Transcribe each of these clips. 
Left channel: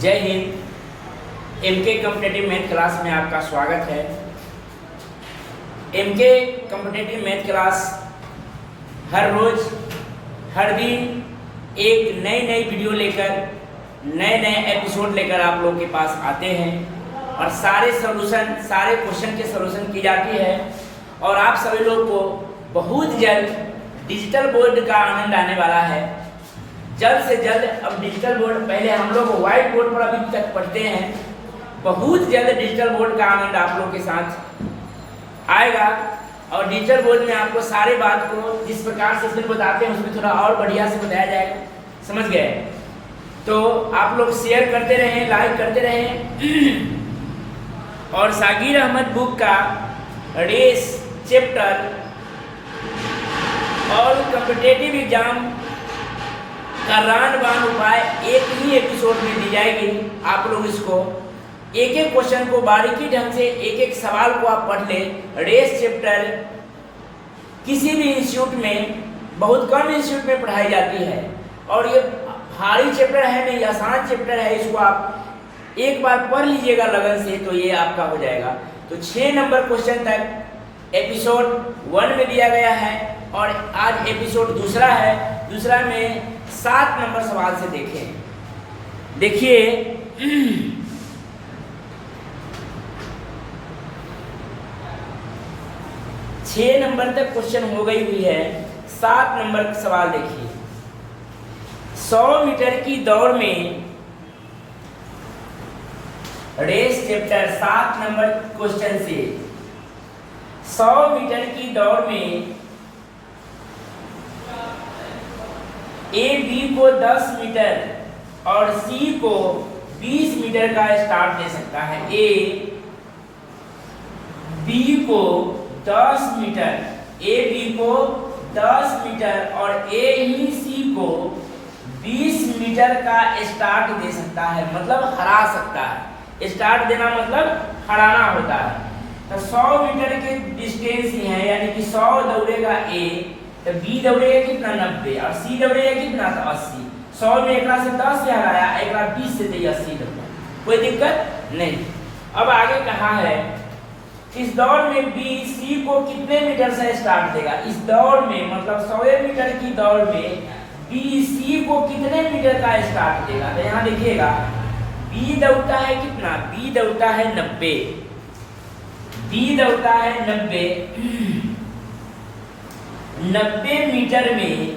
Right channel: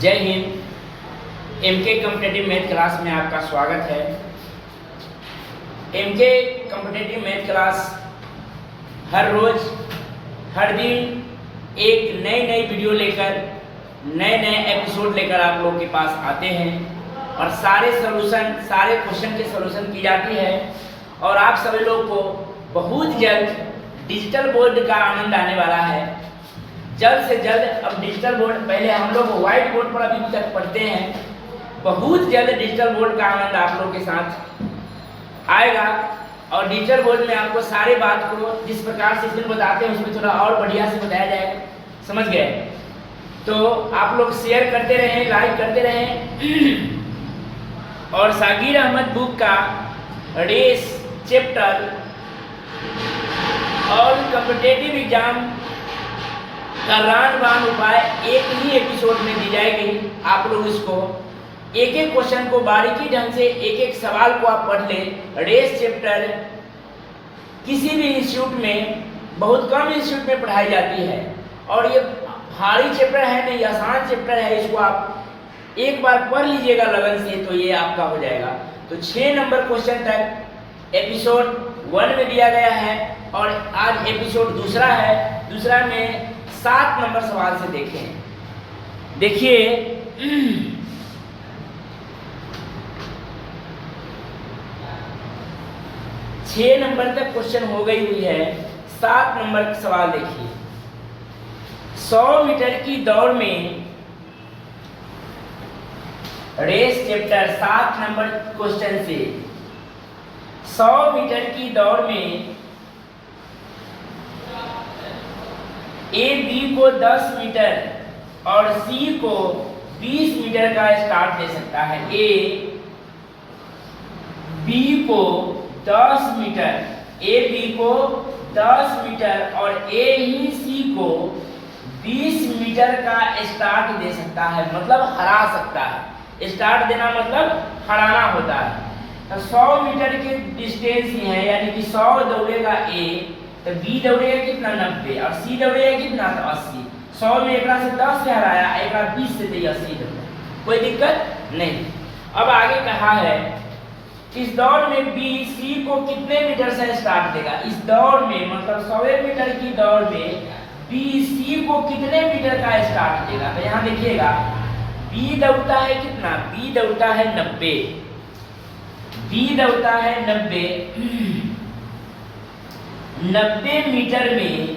जय हिंद। MK competitive math class में आपका स्वागत है। एमके कॉम्पिटिटिव मैथ क्लास हर रोज हर दिन एक नई वीडियो लेकर नए एपिसोड लेकर आप लोग के पास आते हैं और सारे क्वेश्चन के सॉल्यूशन की जाती है और आप सभी लोग को बहुत जल्द डिजिटल बोर्ड का आनंद आने वाला है। जल्द से जल्द अब डिजिटल बोर्ड, पहले हम लोग व्हाइट बोर्ड पर अभी तक पढ़ते हैं, बहुत जल्द डिजिटल बोर्ड का आनंद आप लोग के साथ आएगा और डिजिटल बोर्ड में आपको सारे बात को जिस प्रकार से इसमें बताते हैं उसमें थोड़ा और बढ़िया से बताया जाएगा। समझ गए? तो आप लोग शेयर करते रहें, लाइक करते रहें और सागिर अहमद बुक का रेस चैप्टर और कॉम्पिटिटिव एग्जाम का रामबाण उपाय एक ही एपिसोड में दी जाएगी। आप लोग इसको एक एक क्वेश्चन को बारीकी ढंग से एक एक सवाल को आप पढ़ लें। रेस चैप्टर किसी भी इंस्टीट्यूट में, बहुत कम इंस्टीट्यूट में पढ़ाई जाती है और ये भारी चैप्टर है नहीं, आसान चैप्टर है। इसको आप एक बार पढ़ लीजिएगा लगन से तो ये आपका हो जाएगा। तो 6 नंबर क्वेश्चन तक एपिसोड 1 में दिया गया है और आज एपिसोड दूसरा है। दूसरा में 7 नंबर सवाल से देखें। देखिए, 6 नंबर तक क्वेश्चन हो गई हुई है। 7 नंबर सवाल देखिए। 100 मीटर की दौड़ में, रेस चैप्टर 7 नंबर क्वेश्चन से 100 मीटर की दौड़ में ए बी को 10 मीटर और सी को 20 मीटर का स्टार्ट दे सकता है। ए बी को 10 मीटर, ए बी को 10 मीटर और ए ही सी को 20 मीटर का स्टार्ट दे सकता है, मतलब हरा सकता है। स्टार्ट देना मतलब हराना होता है। तो 100 मीटर की डिस्टेंस ही है, यानी कि 100 दौड़ेगा ए तो बी दौड़ेगा कितना 90 और सी दौड़ेगा कितना तो 80। 100 में एक से 10 से हराया, एक 20 से 80 दौड़ा, कोई दिक्कत नहीं। अब आगे कहा है इस दौड़ में बी सी को कितने मीटर से स्टार्ट देगा। इस दौड़ में मतलब 100 मीटर की दौड़ में बी सी को कितने मीटर का स्टार्ट देगा। तो यहाँ देखिएगा बी दौड़ता है कितना, बी दौड़ता है 90, बी दौड़ता है 90 मीटर में।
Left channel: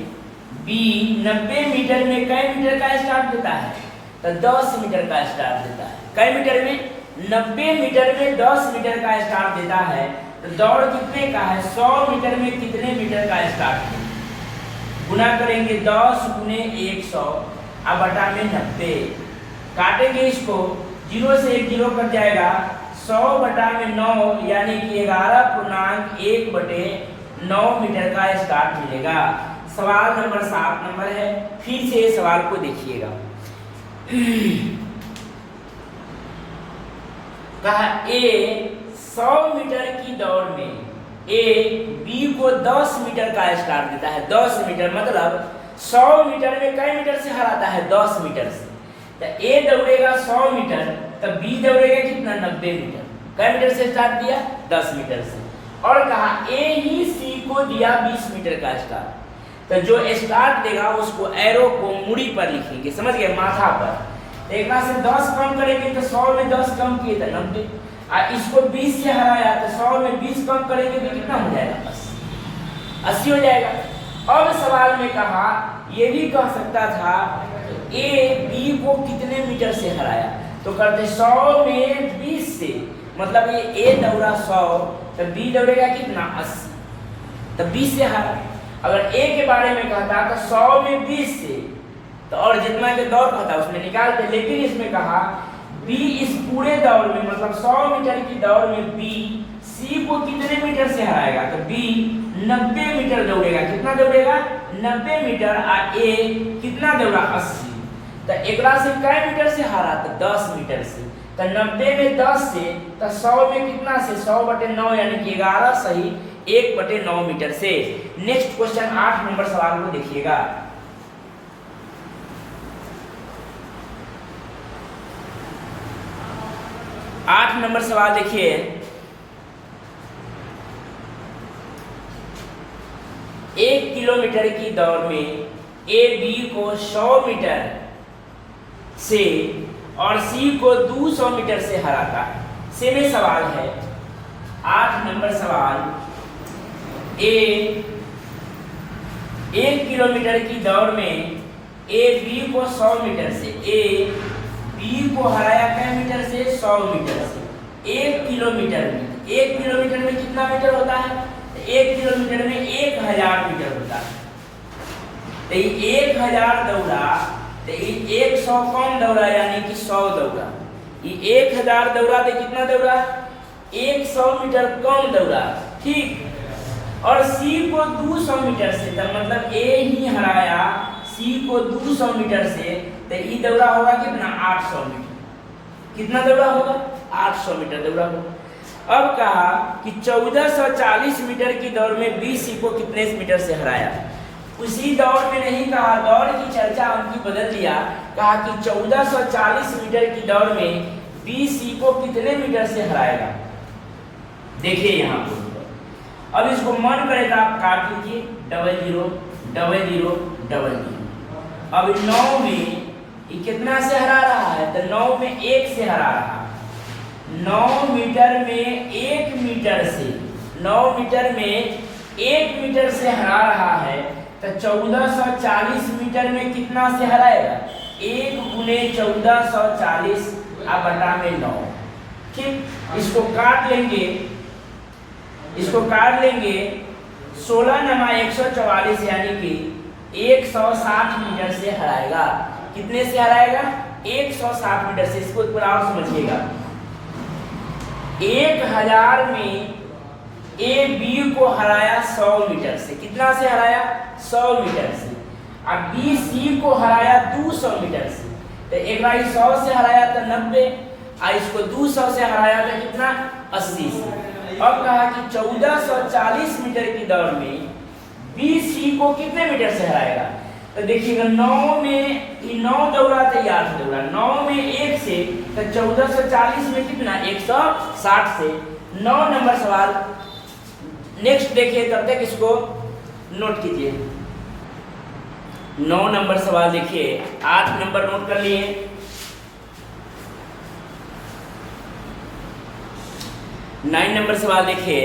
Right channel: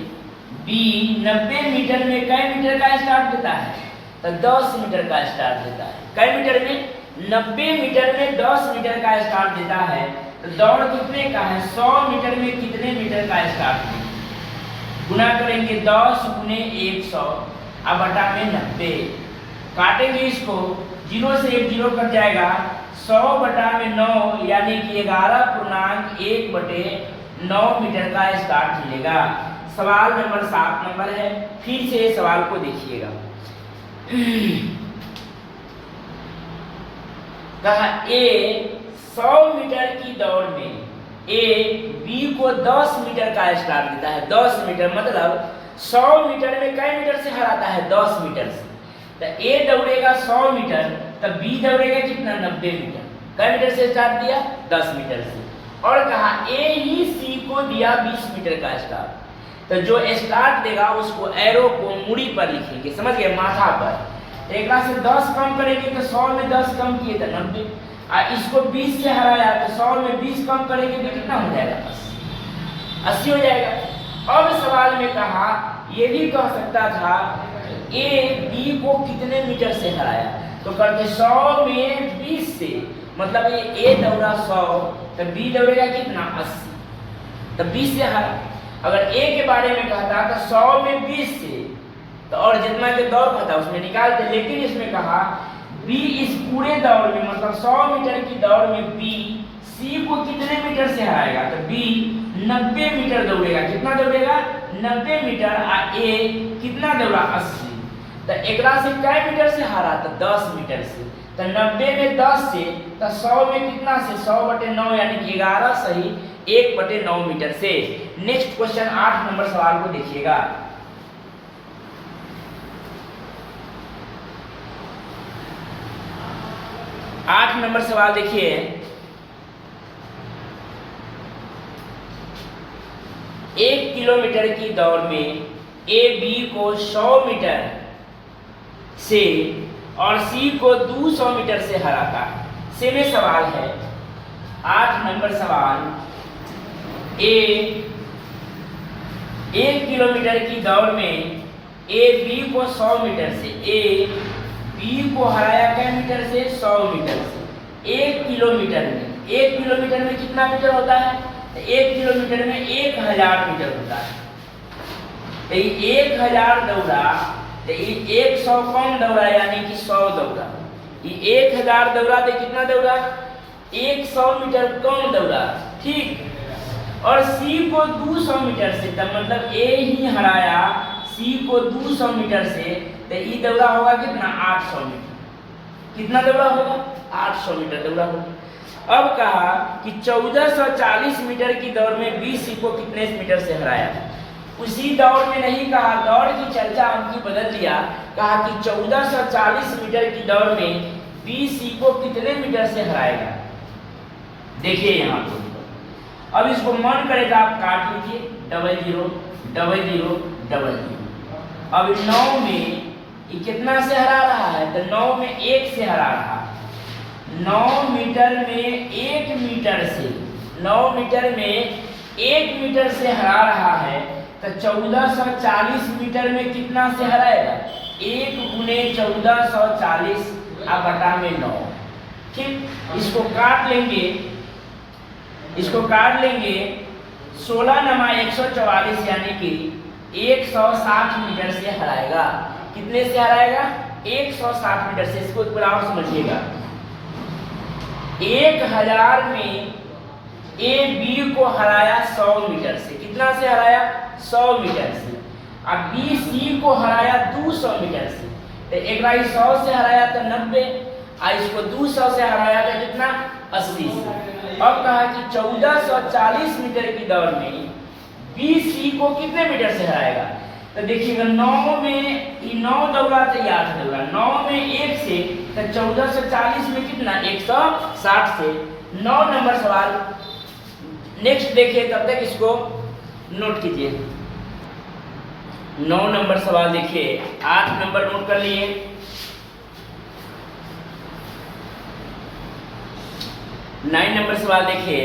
बी 90 मीटर में कई मीटर का स्टार्ट देता है तो 10 मीटर का स्टार्ट देता है। कई मीटर में 90 मीटर में 10 मीटर का स्टार्ट देता है। तो दौड़ कितने का है, 100 मीटर में कितने मीटर का स्टार्ट है। गुना करेंगे 10 गुने 100 अब बटा में 90, काटेंगे इसको, 0 से 1 0 कट जाएगा। 100 बटा में 9 यानी कि 11.1/9 मीटर का स्टार्ट मिलेगा। सवाल नंबर 7 नंबर है। फिर से सवाल को देखिएगा। कहा ए 100 मीटर की दौड़ में ए बी को 10 मीटर का स्टार्ट देता है। 10 मीटर मतलब 100 मीटर में कई मीटर से हराता है, 10 मीटर से। तो ए दौड़ेगा 100 मीटर तो बी दौड़ेगा कितना 90 मीटर। कई मीटर से स्टार्ट दिया, 10 मीटर से। और कहा ए ही सी को दिया 20 मीटर का स्टार्ट। तो जो स्टार्ट देगा उसको एरो को मुड़ी पर लिखेंगे, समझ गए, माथा पर। एक से 10 कम करेंगे तो 100 में 10 कम किए तो 90 और इसको 20 से हराया तो 100 में 20 कम करेंगे तो कितना हो जाएगा, 80 हो जाएगा। अब सवाल में कहा ये भी कह सकता था ए बी को कितने मीटर से हराया, तो करते 100 में 20 से, मतलब ये ए दौड़ा 100 तो बी दौड़ेगा कितना 80, तो 20 से हरा। अगर ए के बारे में कहता तो 100 में 20 से तो और जितना के दौड़ होता उसमें निकालते, लेकिन इसमें कहा बी इस पूरे दौड़ में मतलब 100 मीटर की दौड़ में बी सी को कितने मीटर से हराएगा, तो बी 90 मीटर दौड़ेगा। कितना दौड़ेगा 90 मीटर और ए कितना दौड़ा 80। तो एकरा से कै मीटर से हारा, तो 10 मीटर से। तो 90 में 10 से तो 100 में कितना से 100/9 यानी कि 11 सही 1/9 मीटर से। नेक्स्ट क्वेश्चन 8 नंबर सवाल को देखिएगा। 8 नंबर सवाल देखिए, एक किलोमीटर की दौड़ में ए बी को 100 मीटर से और सी को 200 मीटर से हराता है। सेमे सवाल है। 8 नंबर सवाल, ए 1 किलोमीटर की दौड़ में ए बी को 100 मीटर से, ए बी को हराया क्या मीटर से? 100 मीटर से। 1 किलोमीटर में, 1 किलोमीटर में कितना मीटर होता है? 1 किलोमीटर में 1000 मीटर होता है। तो ये 1000 दौड़ा, तो ये 100 कम दौड़ा यानी कि 100 दौड़ा। ये 1000 दौड़ा तो कितना दौड़ा? 100 मीटर कम दौड़ा, ठीक। और सी को 200 मीटर से, तब मतलब ए ही हराया सी को 200 मीटर से, तो ये दौड़ा होगा कितना? 800 मीटर। कितना दौड़ा होगा? 800 मीटर दौड़ा होगा। अब कहा कि 1440 मीटर की दौड़ में बी सी को कितने मीटर से हराया। उसी दौड़ में नहीं कहा, दौड़ की चर्चा उनकी बदल दिया, कहा कि 1440 मीटर की दौड़ में बी सी को कितने मीटर से हराएगा। देखिए यहाँ पर, अब इसको मन करे तो आप काट लीजिए, 00 00 00। अब 9 में ये कितना से हरा रहा है? तो 9 में 1 से हरा रहा है। 9 मीटर में 1 मीटर से, 9 मीटर में 1 मीटर से हरा रहा है, तो 1440 मीटर में कितना से हराएगा? 1 गुने 1440 बटा में 9, ठीक। इसको काट लेंगे, इसको काट लेंगे। 16 नमा 144 यानी कि 160 मीटर से हराएगा। कितने से हराएगा? 160 मीटर से। इसको थोड़ा और समझिएगा। 1000 में ए बी को हराया 100 मीटर से। कितना से हराया? 100 मीटर से। अब बी सी को हराया 200 मीटर से। तो एक बार 100 से हराया तो 90, और इसको 200 से हराया तो कितना? 80 से। अब कहा कि 1440 मीटर की दौड़ में बी सी को कितने मीटर से हराएगा। तो देखिएगा, 9 में 9 दौड़ा तो 8 दौड़ा, 9 में 1 से, तो 1440 में कितना? 160 से। 9 नंबर सवाल नेक्स्ट देखिए, तब तक इसको नोट कीजिए। 9 नंबर सवाल देखिए, 8 नंबर नोट कर लिए। 9 नंबर सवाल देखिए,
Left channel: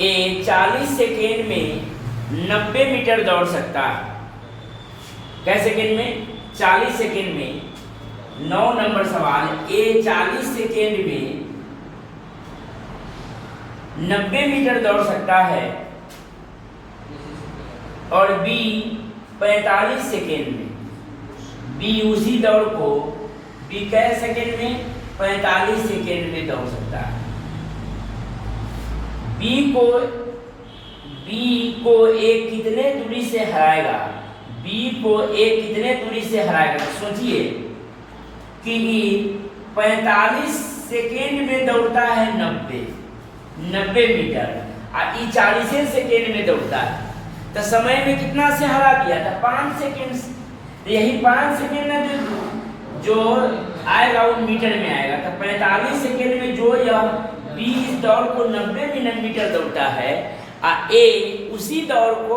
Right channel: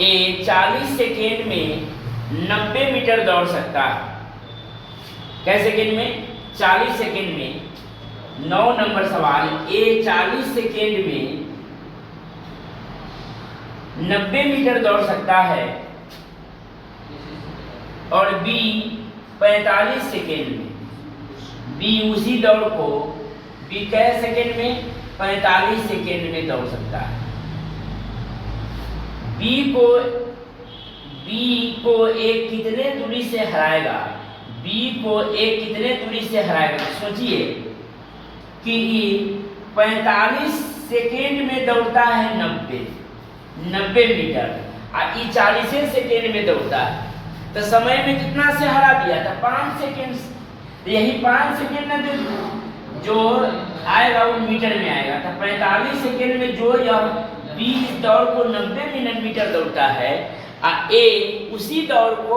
ए 40 सेकेंड में 90 मीटर दौड़ सकता है। कै सेकेंड में? 40 सेकेंड में। 9 नंबर सवाल, ए 40 सेकेंड में 90 मीटर दौड़ सकता है और बी 45 सेकेंड में। बी उसी दौड़ को बी कै सेकेंड में? 45 सेकेंड में दौड़ सकता है। बी को एक कितने दूरी से हराएगा? बी को एक कितने दूरी से हराएगा? तो सोचिए कि 45 सेकेंड में दौड़ता है 90 मीटर, और ये 40 सेकेंड में दौड़ता है, तो समय में कितना से हरा दिया था? 5 सेकेंड से। तो यही 5 सेकेंड में जो आएगा वो मीटर में आएगा। तो 45 सेकेंड में जो यह बी इस दौड़ को 90 मीटर दौड़ता है, और ए उसी दौड़ को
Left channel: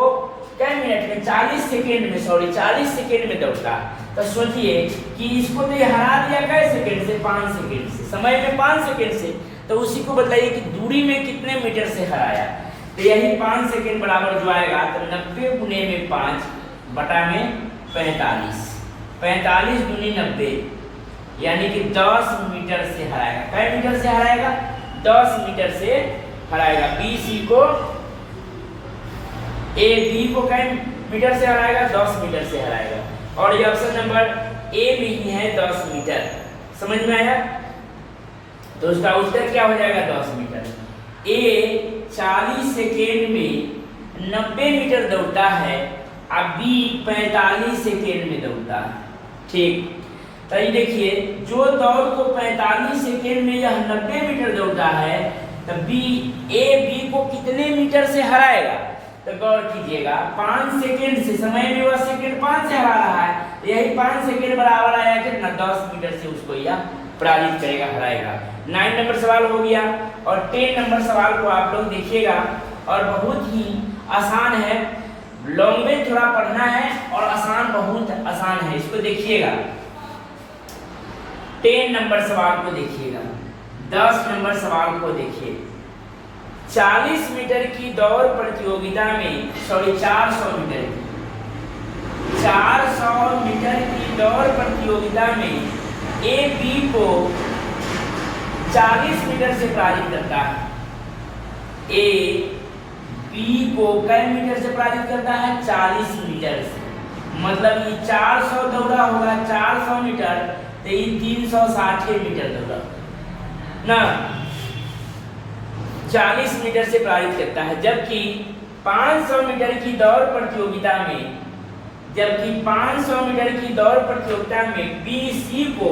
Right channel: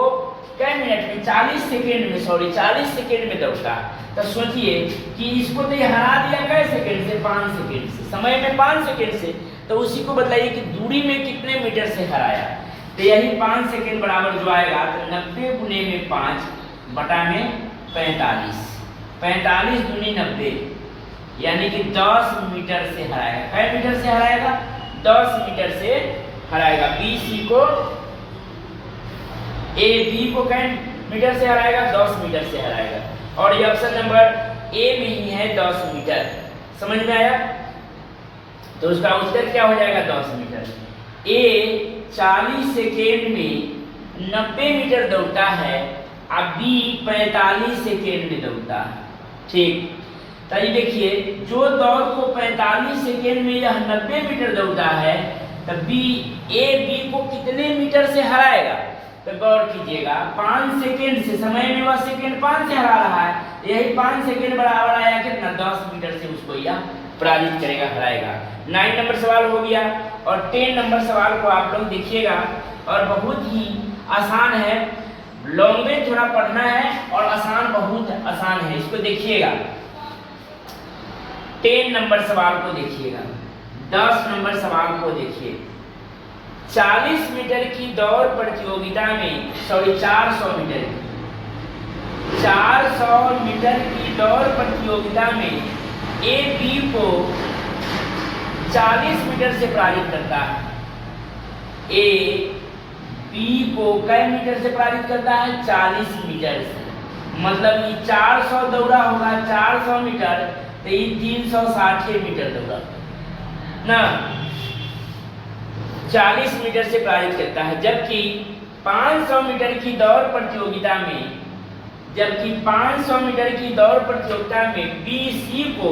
कै मिनट में? 40 सेकेंड में, 40 सेकेंड में दौड़ता है। तो सोचिए कि इसको तो ये हरा दिया कै सेकेंड से? 5 सेकेंड से। समय में 5 सेकेंड से, तो उसी को बताइए कि दूरी में कितने मीटर से हराया। तो यही 5 सेकेंड बराबर जो आएगा, तो 90 गुने में 5 बटा में 45। 45 दूनी 90, यानी कि 10 मीटर से हराएगा। कै मीटर से हराएगा? 10 मीटर से हराएगा। बी सी को, ए बी को कै मीटर से हराएगा? 10 मीटर से हराएगा। और ये ऑप्शन नंबर ए में ही है, 10 मीटर। समझ में आया? तो उसका उत्तर क्या हो जाएगा? 10 मीटर। ए 40 सेकेंड में 90 मीटर दौड़ता है, और बी 45 सेकेंड में दौड़ता है, ठीक। तो ये देखिए, जो दौड़ को 45 सेकेंड में यह 90 मीटर दौड़ता है, तो ए बी को कितने मीटर से हराएगा? तो गौर कीजिएगा, 5 सेकेंड से। समय में वह सेकेंड 5 से हरा रहा है, यही 5 सेकेंड बराबर आया कितना? 10 मीटर से उसको यह पराजित करेगा, हराएगा। 9 नंबर सवाल हो गया। और 10 नंबर सवाल को आप लोग देखिएगा और बहुत ही आसान है, लॉन्ग्वेज थोड़ा पढ़ना है और आसान, बहुत आसान है, इसको देखिएगा। 10 नंबर सवाल को देखिएगा, 10 नंबर सवाल को देखिए। 40 मीटर की दौड़ प्रतियोगिता में 400 मीटर की 400 मीटर की दौड़ प्रतियोगिता में ए बी को 40 मीटर से पराजित करता है। ए बी को कई मीटर से पराजित करता है? 40 मीटर से। मतलब ये 400 दौड़ा होगा, 400 मीटर, तो ये 360 मीटर दौड़ा ना, 40 मीटर से पराजित करता है। जबकि 500 मीटर की दौड़ प्रतियोगिता में, जबकि 500 मीटर की दौड़ प्रतियोगिता में बी सी को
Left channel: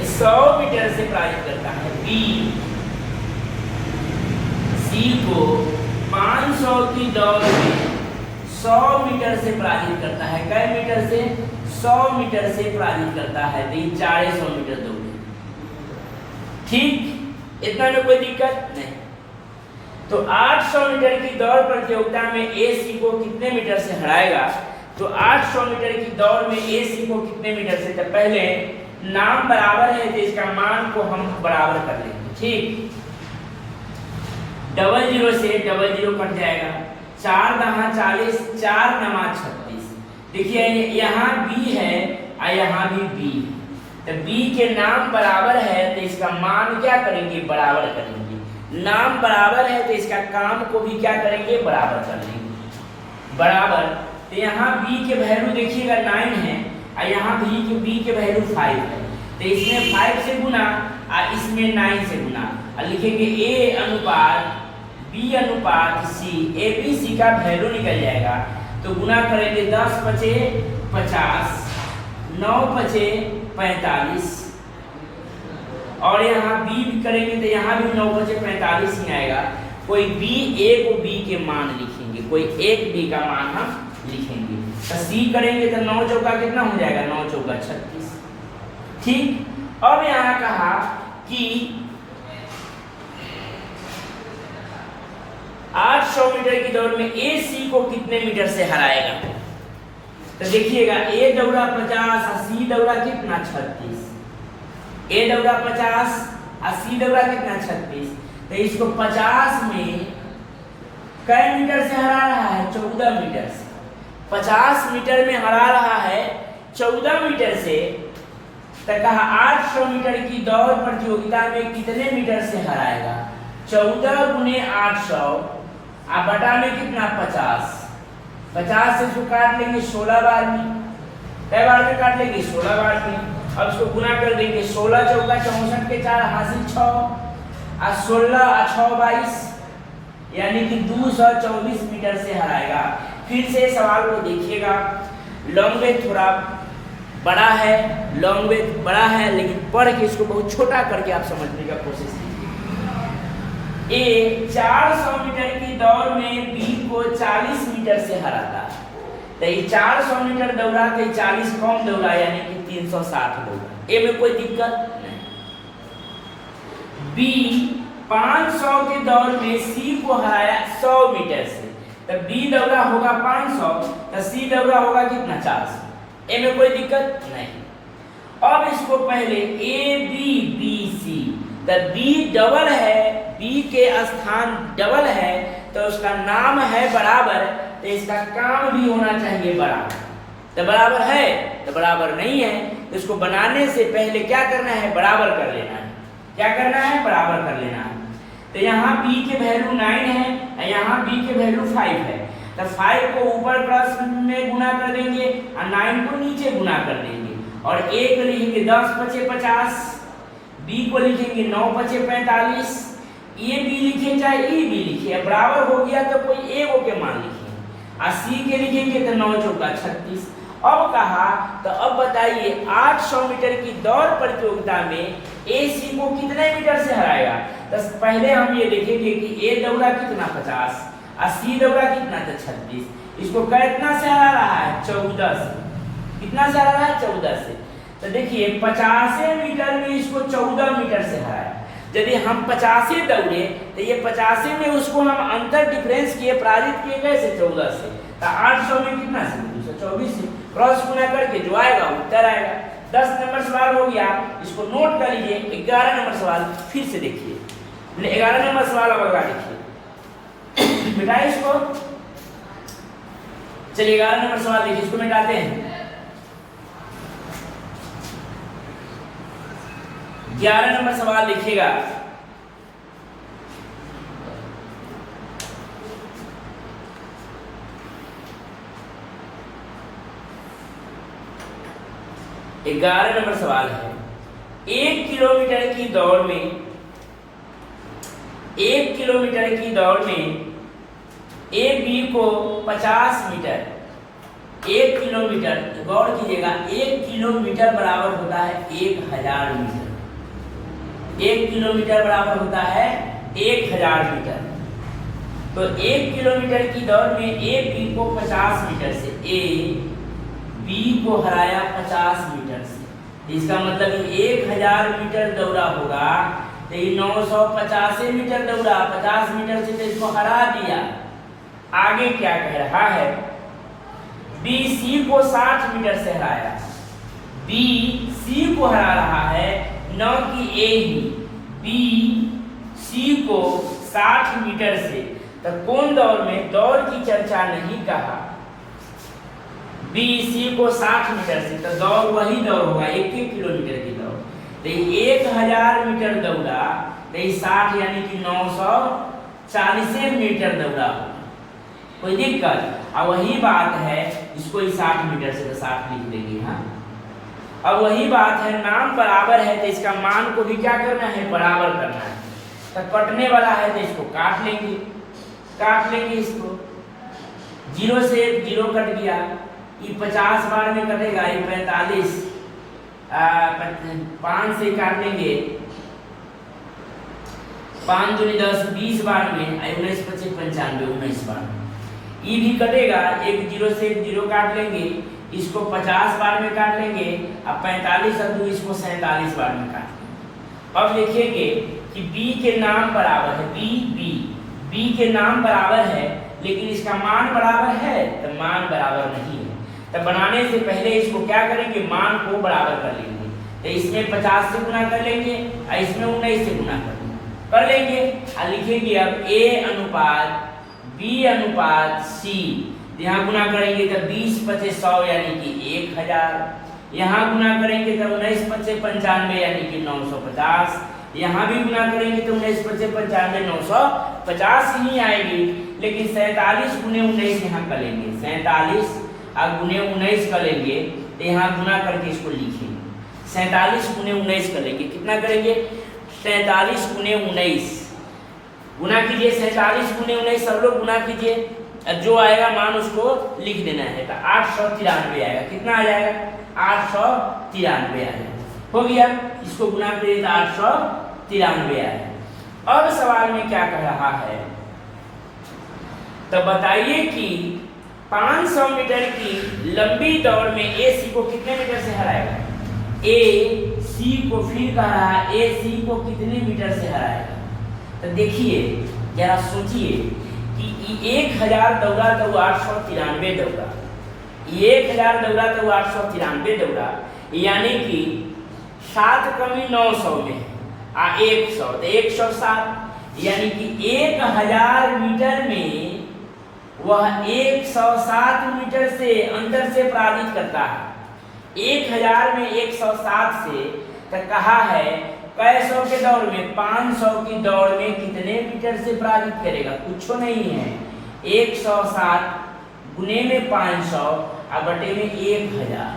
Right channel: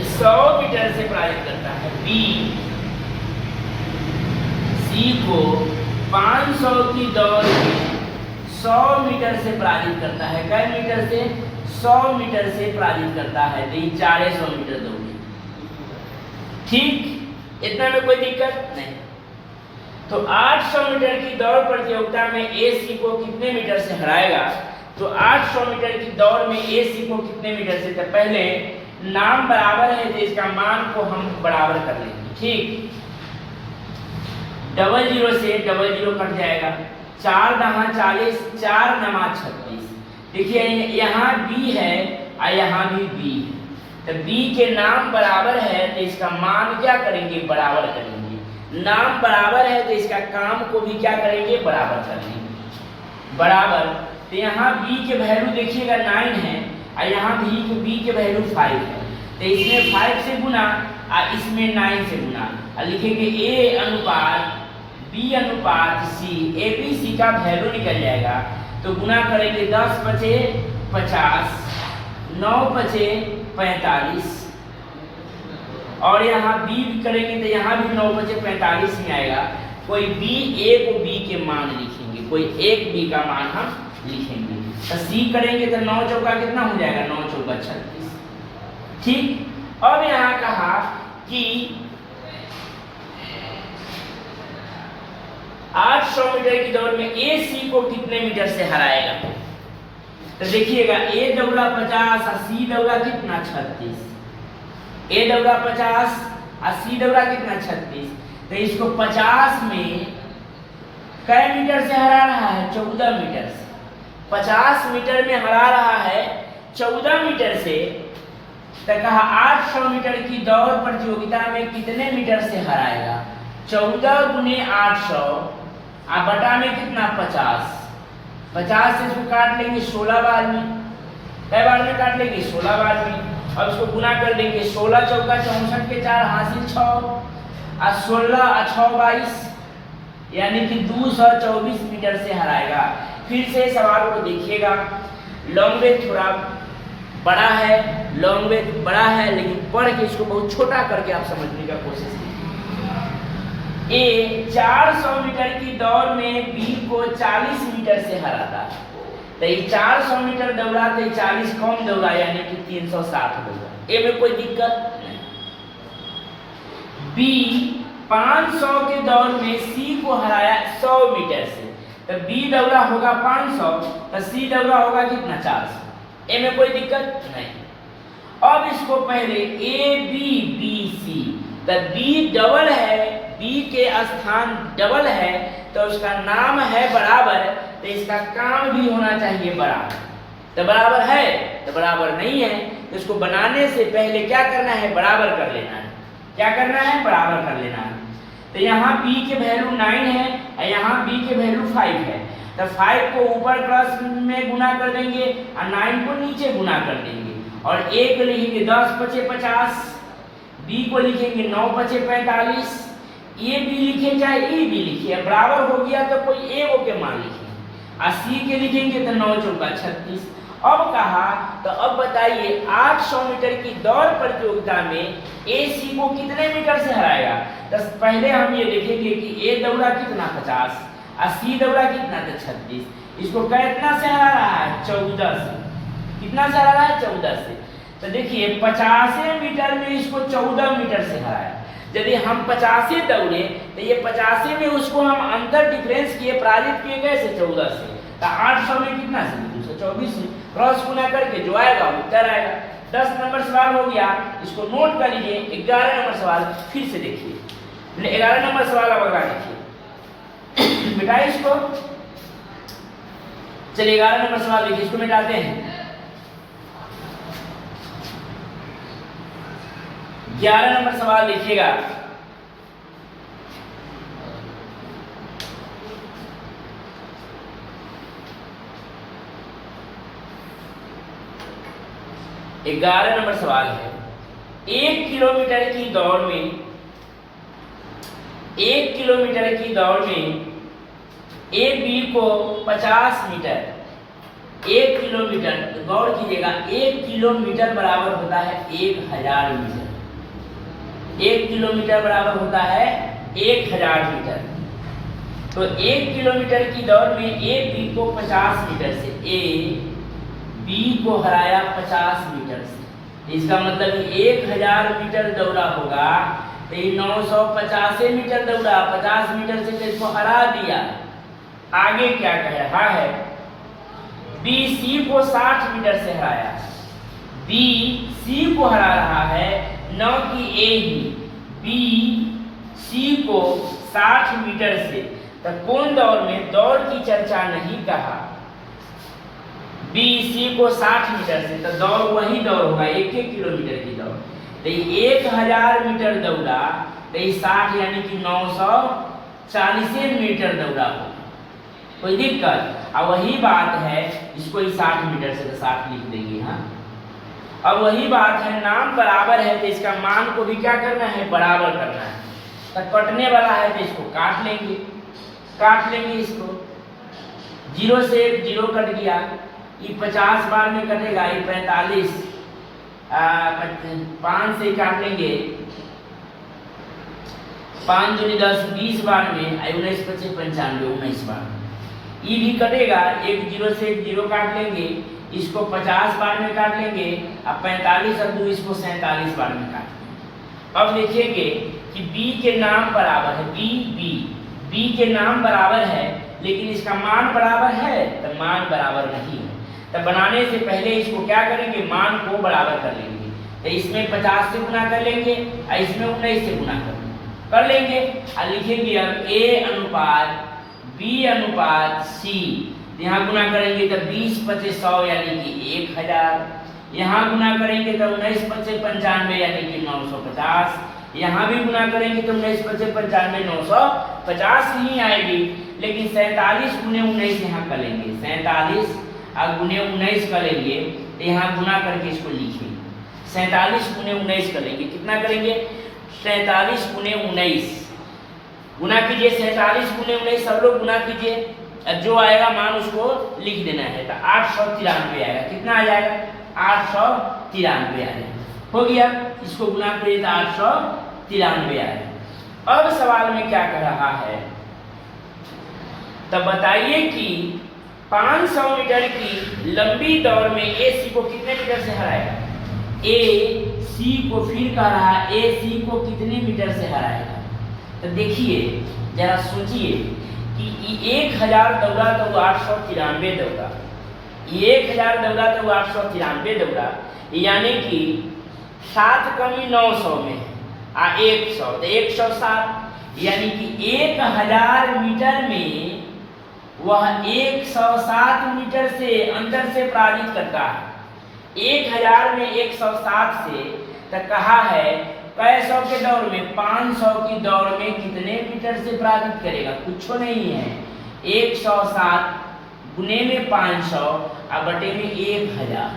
100 मीटर से पराजित करता है। बी सी को 500 की दौड़ में 100 मीटर से पराजित करता है। कै मीटर से? 100 मीटर से पराजित करता है। तो ये 400 मीटर दौड़े। ठीक, इतना में कोई दिक्कत नहीं। तो 800 मीटर की दौड़ प्रतियोगिता में ए सी को कितने मीटर से हराएगा? तो 800 मीटर की दौड़ में ए सी को कितने मीटर से? तो पहले नाम बराबर है तो इसका मान को हम बराबर कर लेंगे। ठीक, 00 से 00 कट जाएगा। 4 दहा 40, 4 नमा 36। देखिए यहाँ बी है और यहाँ भी बी है, तो बी के नाम बराबर है तो इसका मान क्या करेंगे? बराबर करेंगे। नाम बराबर है तो इसका काम को भी क्या करेंगे? बराबर कर लेंगे। बराबर, तो यहाँ b के वैल्यू देखिएगा 9 है और यहाँ b के वैल्यू 5 है, तो इसमें 5 से गुना और इसमें 9 से गुना और लिखेंगे a अनुपात b अनुपात c। ए बी सी का वैल्यू निकल जाएगा तो गुना करेंगे 10 बचे 50, 9 बचे 45 और यहाँ बी करेंगे तो यहाँ भी 9 बचे 45 ही आएगा। कोई बी, ए को बी के मान लिखेंगे, कोई एक बी का मान हम लिखेंगे। तो सी करेंगे तो 9 चौका कितना हो जाएगा? 9 चौका 36। ठीक, अब यहाँ कहा कि 800 मीटर की दौड़ में ए सी को कितने मीटर से हराएगा? तो देखिएगा ए दौड़ा 50 और सी दौड़ा कितना? 36। ए दौड़ा 50 और सी दौड़ा कितना? 36। तो इसको 50 में कै मीटर से हरा रहा है? 14 मीटर से। 50 मीटर में हरा रहा है 14 मीटर से। तो कहा 800 मीटर की दौड़ प्रतियोगिता में कितने मीटर से हराएगा? 14 गुने 800 और बटा में कितना? 50। 50 से इसको काट लेंगे 16 बार में। कै बार में काट लेंगे? 16 बार में। अब इसको गुना कर देंगे, 16 चौका 64 के 4 हासिल 6 और 16 और 6 22, यानी कि 224 मीटर से हराएगा। फिर से सवाल को देखिएगा, लॉन्ग्वेज थोड़ा बड़ा है, लॉन्ग्वेज बड़ा है, लेकिन पढ़ के इसको बहुत छोटा करके आप समझने का कोशिश कीजिए। ए 400 मीटर की दौड़ में बी को 40 मीटर से हराता है। तो ये 400 मीटर दौड़ा तो 40 कम दौड़ा, यानी कि 360 दौड़ा। ए में कोई दिक्कत नहीं। बी 500 के दौड़ में सी को हराया 100 मीटर से, तो बी दौड़ा होगा 500 तो सी दौड़ा होगा कितना? 400। ए में कोई दिक्कत नहीं। अब इसको पहले ए बी बी सी, तो बी डबल है, बी के स्थान डबल है तो उसका नाम है बराबर, तो इसका काम भी होना चाहिए बराबर। तो बराबर है तो बराबर नहीं है, तो इसको बनाने से पहले क्या करना है? बराबर कर लेना है। क्या करना है? बराबर कर लेना है। तो यहाँ b के वैल्यू 9 है और यहाँ b के वैल्यू 5 है, तो 5 को ऊपर क्रॉस में गुना कर देंगे और 9 को नीचे गुना कर देंगे और a को लिखेंगे 10 बचे 50, b को लिखेंगे 9 बचे 45, ए बी लिखे चाहे ए बी लिखे, बराबर हो गया तो कोई ए वो के मान लिखेंगे और सी के लिखेंगे तो 9 चौका 36। अब कहा तो अब बताइए 800 मीटर की दौड़ प्रतियोगिता में ए सी को कितने मीटर से हराएगा? तो पहले हम ये देखेंगे कि ए दौड़ा कितना? 50 और सी दौड़ा कितना? तो 36। इसको कितना से हरा रहा है? 14 से। कितना से हरा रहा है? 14 से। तो देखिए 50 मीटर में इसको 14 मीटर से हराया। यदि हम 50 दौड़े तो ये 50 में उसको हम अंतर डिफरेंस किए, पराजित किए कैसे 14 से, तो 800 में कितना से 224 से क्रॉस गुना करके जो आएगा उत्तर आएगा। 10 नंबर सवाल हो गया, इसको नोट कर लीजिए। 11 नंबर सवाल फिर से देखिए, 11 नंबर सवाल अब अगला देखिए। मिटाइए इसको, चलिए 11 नंबर सवाल देखिए, इसको मिटाते हैं। 11 नंबर सवाल लिखिएगा। ग्यारह नंबर सवाल है, 1 किलोमीटर की दौड़ में 1 किलोमीटर की दौड़ में एक बी को 50 मीटर, 1 किलोमीटर गौर कीजिएगा, 1 किलोमीटर बराबर होता है 1000 मीटर। 1 किलोमीटर बराबर होता है 1000 मीटर। तो 1 किलोमीटर की दौड़ में ए बी को 50 मीटर से, ए बी को हराया 50 मीटर से, इसका मतलब 1000 मीटर दौड़ा होगा तो ये 950 मीटर दौड़ा, 50 मीटर से तो इसको हरा दिया। आगे क्या कह रहा है, बी सी को 60 मीटर से हराया, बी सी को हरा रहा है, न कि ए ही, बी सी को 60 मीटर से। तो कौन दौड़ में, दौड़ की चर्चा नहीं कहा, बी सी को 60 मीटर से, तो दौड़ वही दौड़ होगा 1 किलोमीटर की दौड़। तो 1000 मीटर दौड़ा तो 60 यानी कि 940 मीटर दौड़ा होगा, कोई दिक्कत। अब वही बात है, इसको 60 मीटर से तो 60 लिख देंगे। हाँ, अब वही बात है, नाम बराबर है तो इसका मान को भी क्या करना है, बराबर करना है। तो कटने वाला है तो इसको काट लेंगे, इसको 0 से 1 0 कट गया, ये 50 बार में कटेगा, ये 45, 5 से काट लेंगे, 5 दूनी 10, 20 बार में, 19 25 95 19 बार में ये भी कटेगा। एक 0 से 1 0 काट लेंगे, इसको 50 बार में काट लेंगे, अब 45 और 2 इसको 47 बार में काट लेंगे। अब देखेंगे कि बी के नाम बराबर है, बी के नाम बराबर है, लेकिन इसका मान बराबर है तो मान बराबर नहीं है। तो बनाने से पहले इसको क्या करेंगे, मान को बराबर कर लेंगे। तो इसमें 50 से गुना कर लेंगे और इसमें 19 से गुना कर लेंगे और लिखेंगे अब ए अनुपात बी अनुपात सी। यहाँ गुना करेंगे तो 20 25 100 यानी कि 1000, यहाँ गुना करेंगे तो 19 25 95 यानी कि 950, यहाँ भी गुना करेंगे तो 19 25 95 950 ही आएगी। लेकिन 47 गुने 19 यहाँ करेंगे, 47 और गुने 19 करेंगे तो यहाँ गुना करके इसको लिखेंगे, 47 गुने 19 करेंगे, कितना करेंगे 47 गुने 19, गुना कीजिए 47 गुने 19, सब लोग गुना कीजिए, जो आएगा मान उसको लिख देना है। तो 893 आएगा, कितना आ जाएगा 893 आ जाएगा, हो गया। इसको गुना करिए तो 893 आएगा। अब सवाल में क्या कह रहा है, तो बताइए कि 500 मीटर की लंबी दौड़ में ए सी को कितने मीटर से हराएगा, ए सी को फिर कह रहा है, ए सी को कितने मीटर से हराएगा। तो देखिए जरा सोचिए कि 1000 दौड़ा तो 893 दौड़ा, 1000 दौड़ा तो 893 दौड़ा, यानी कि 7 कमी 900 में आ 100 तो 107, यानी कि 1000 मीटर में वह 107 मीटर से अंतर से पराजित करता है। 1000 में 107 से तो कहा है कै सौ के दौड़ में, 500 की दौड़ में कितने मीटर से पराजित करेगा, कुछ नहीं है। 107 गुने में 500 और बटे में 1000,